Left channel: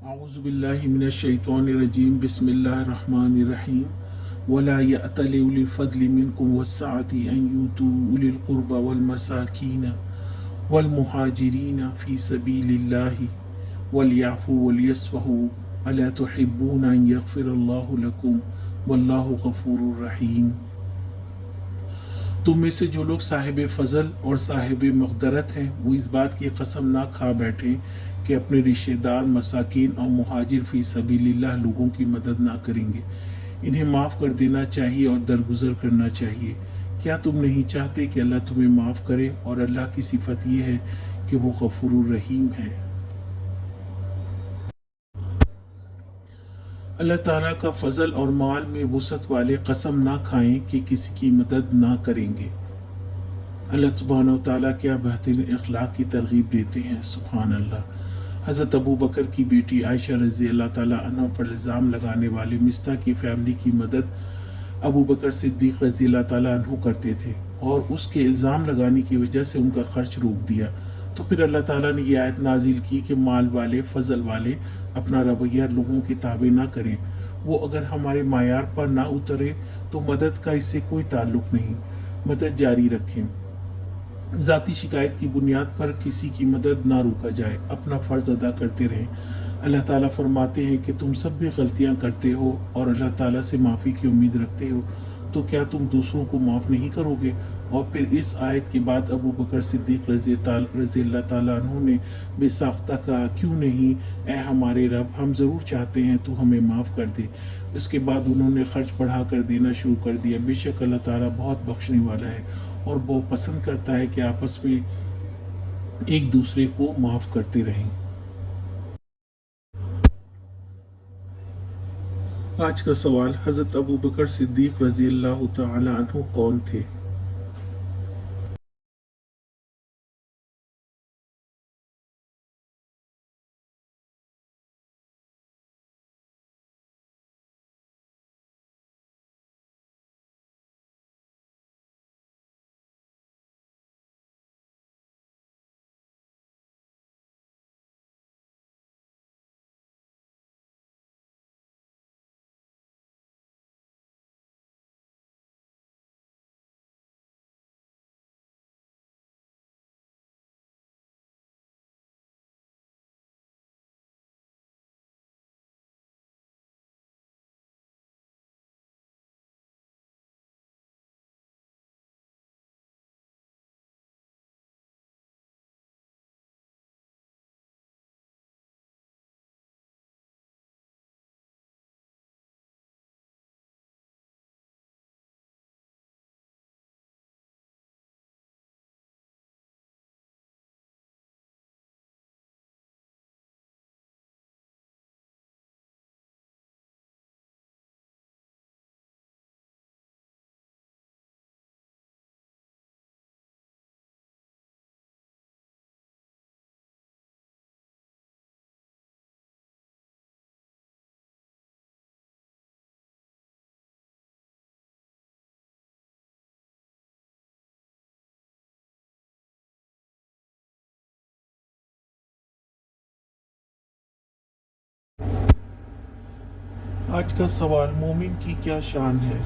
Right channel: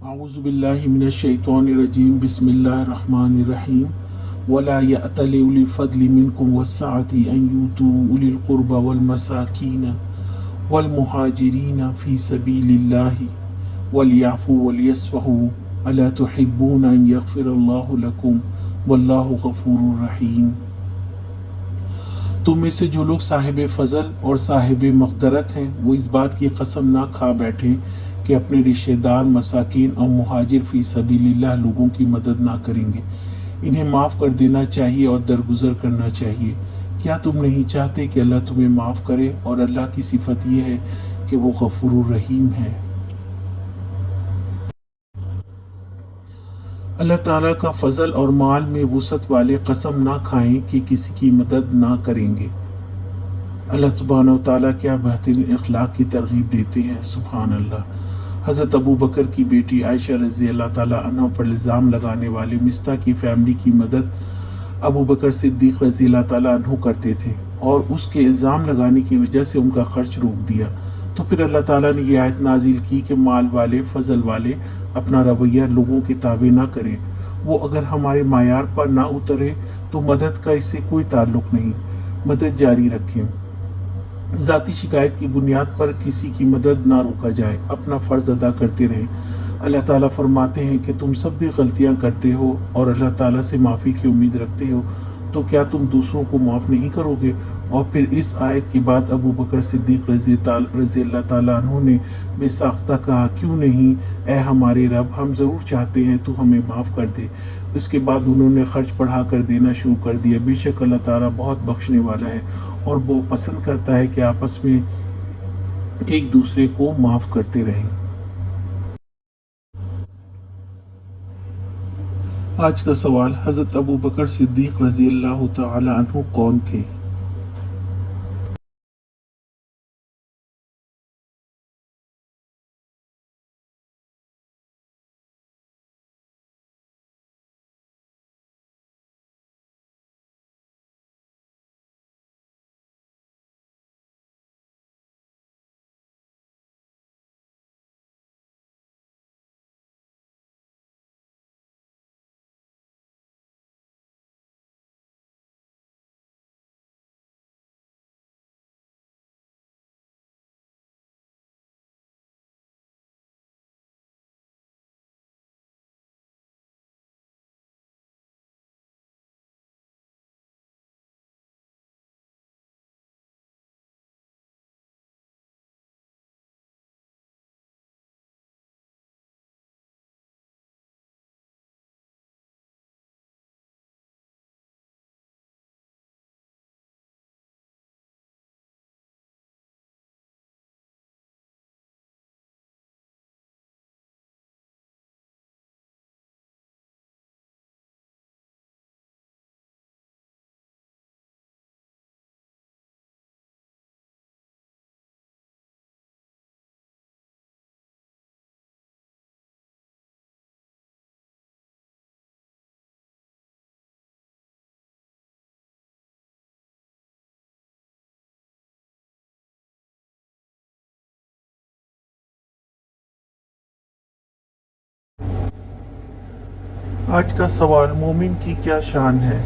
أعوذ بالله من الشيطان الرجيم بسم الله الرحمن الرحيم ولا يأتل أولي الفضل منكم والسعة أن يؤتوا أولي القربى والمساكين والمهاجرين في سبيل الله وليعفوا وليصفحوا ألا تحبون أن يغفر الله لكم والله غفور رحيم. تم میں سے جو لوگ صاحب فضل اور صاحب مقدرت ہیں وہ اس بات کی قسم نہ کھا بیٹھیں کہ اپنے رشتہ دار مساکین اور مہاجر فی سبیل اللہ لوگوں کی مدد نہ کریں گے. انہیں معاف کر دینا چاہیے اور درگزر کرنا چاہیے. کیا تم نہیں چاہتے کہ اللہ تمہیں معاف کرے؟ اور اللہ کی صفت یہ ہے کہ وہ غفور الرحیم ہے. اللہ تعالیٰ کا فضل اور مال میں وسعت والے قسم نہ کھائیں کہ کسی کی مدد نہ کریں گے. اللہ سبحانہ و تعالیٰ کیا بہترین اخلاق کی ترغیب دیتے ہیں. سبحان اللہ. حضرت ابو بکر کی بیٹی عائشہ رضی اللہ تعالیٰ عنہ پر الزام لگانے والے مستح کی فیملی کی مدد ابو بکر صدیق رضی اللہ تعالیٰ عنہ کرتے تھے اور اس کے الزام لگانے کی وجہ سے ان کا خرچ روک دیا. تو پھر اللہ تعالیٰ نے یہ آیت نازل کی کہ مال والے فضل والے اپنا رویہ لوگوں کے تابع نہ کریں. وہ اگر ہمارے معیار پر نہ اترے تو مدد کا اس سے کوئی تعلق نہیں. مدد جاری رکھیں. ذاتی شکایت کی بنیاد پر کسی کی مدد نہ روکا جائے. اپنا فرض ادا کرتے رہیں. اللہ تعالیٰ فرماتے ہیں کہ تم سب بھی غلطیاں کرتے ہو اور اللہ تعالیٰ سے معافی کی امید رکھتے ہو تو کیا تم دوسروں کو معاف نہیں کرو گے؟ اور پھر اس آیت کے بعد ابو بکر صدیق رضی اللہ تعالیٰ عنہ نے بے ساختہ کہا کیوں نہیں اے ہمارے رب، ہم ضرور چاہتے ہیں تو ہمیں معاف کر دے. اس کے بعد انہوں نے خرچ بڑھا کر دینا شروع کر دیا. بے شک اللہ تعالیٰ بہت بخشنے والا ہے اور وہ پسند کرتا ہے کہ آپس میں ایک دوسرے کو معاف کرتے رہیں. آج کا سوال: حضرت ابو بکر صدیق رضی اللہ تعالی عنہ کون تھے؟ آج کا سوال: مومن کی کیا شان ہے؟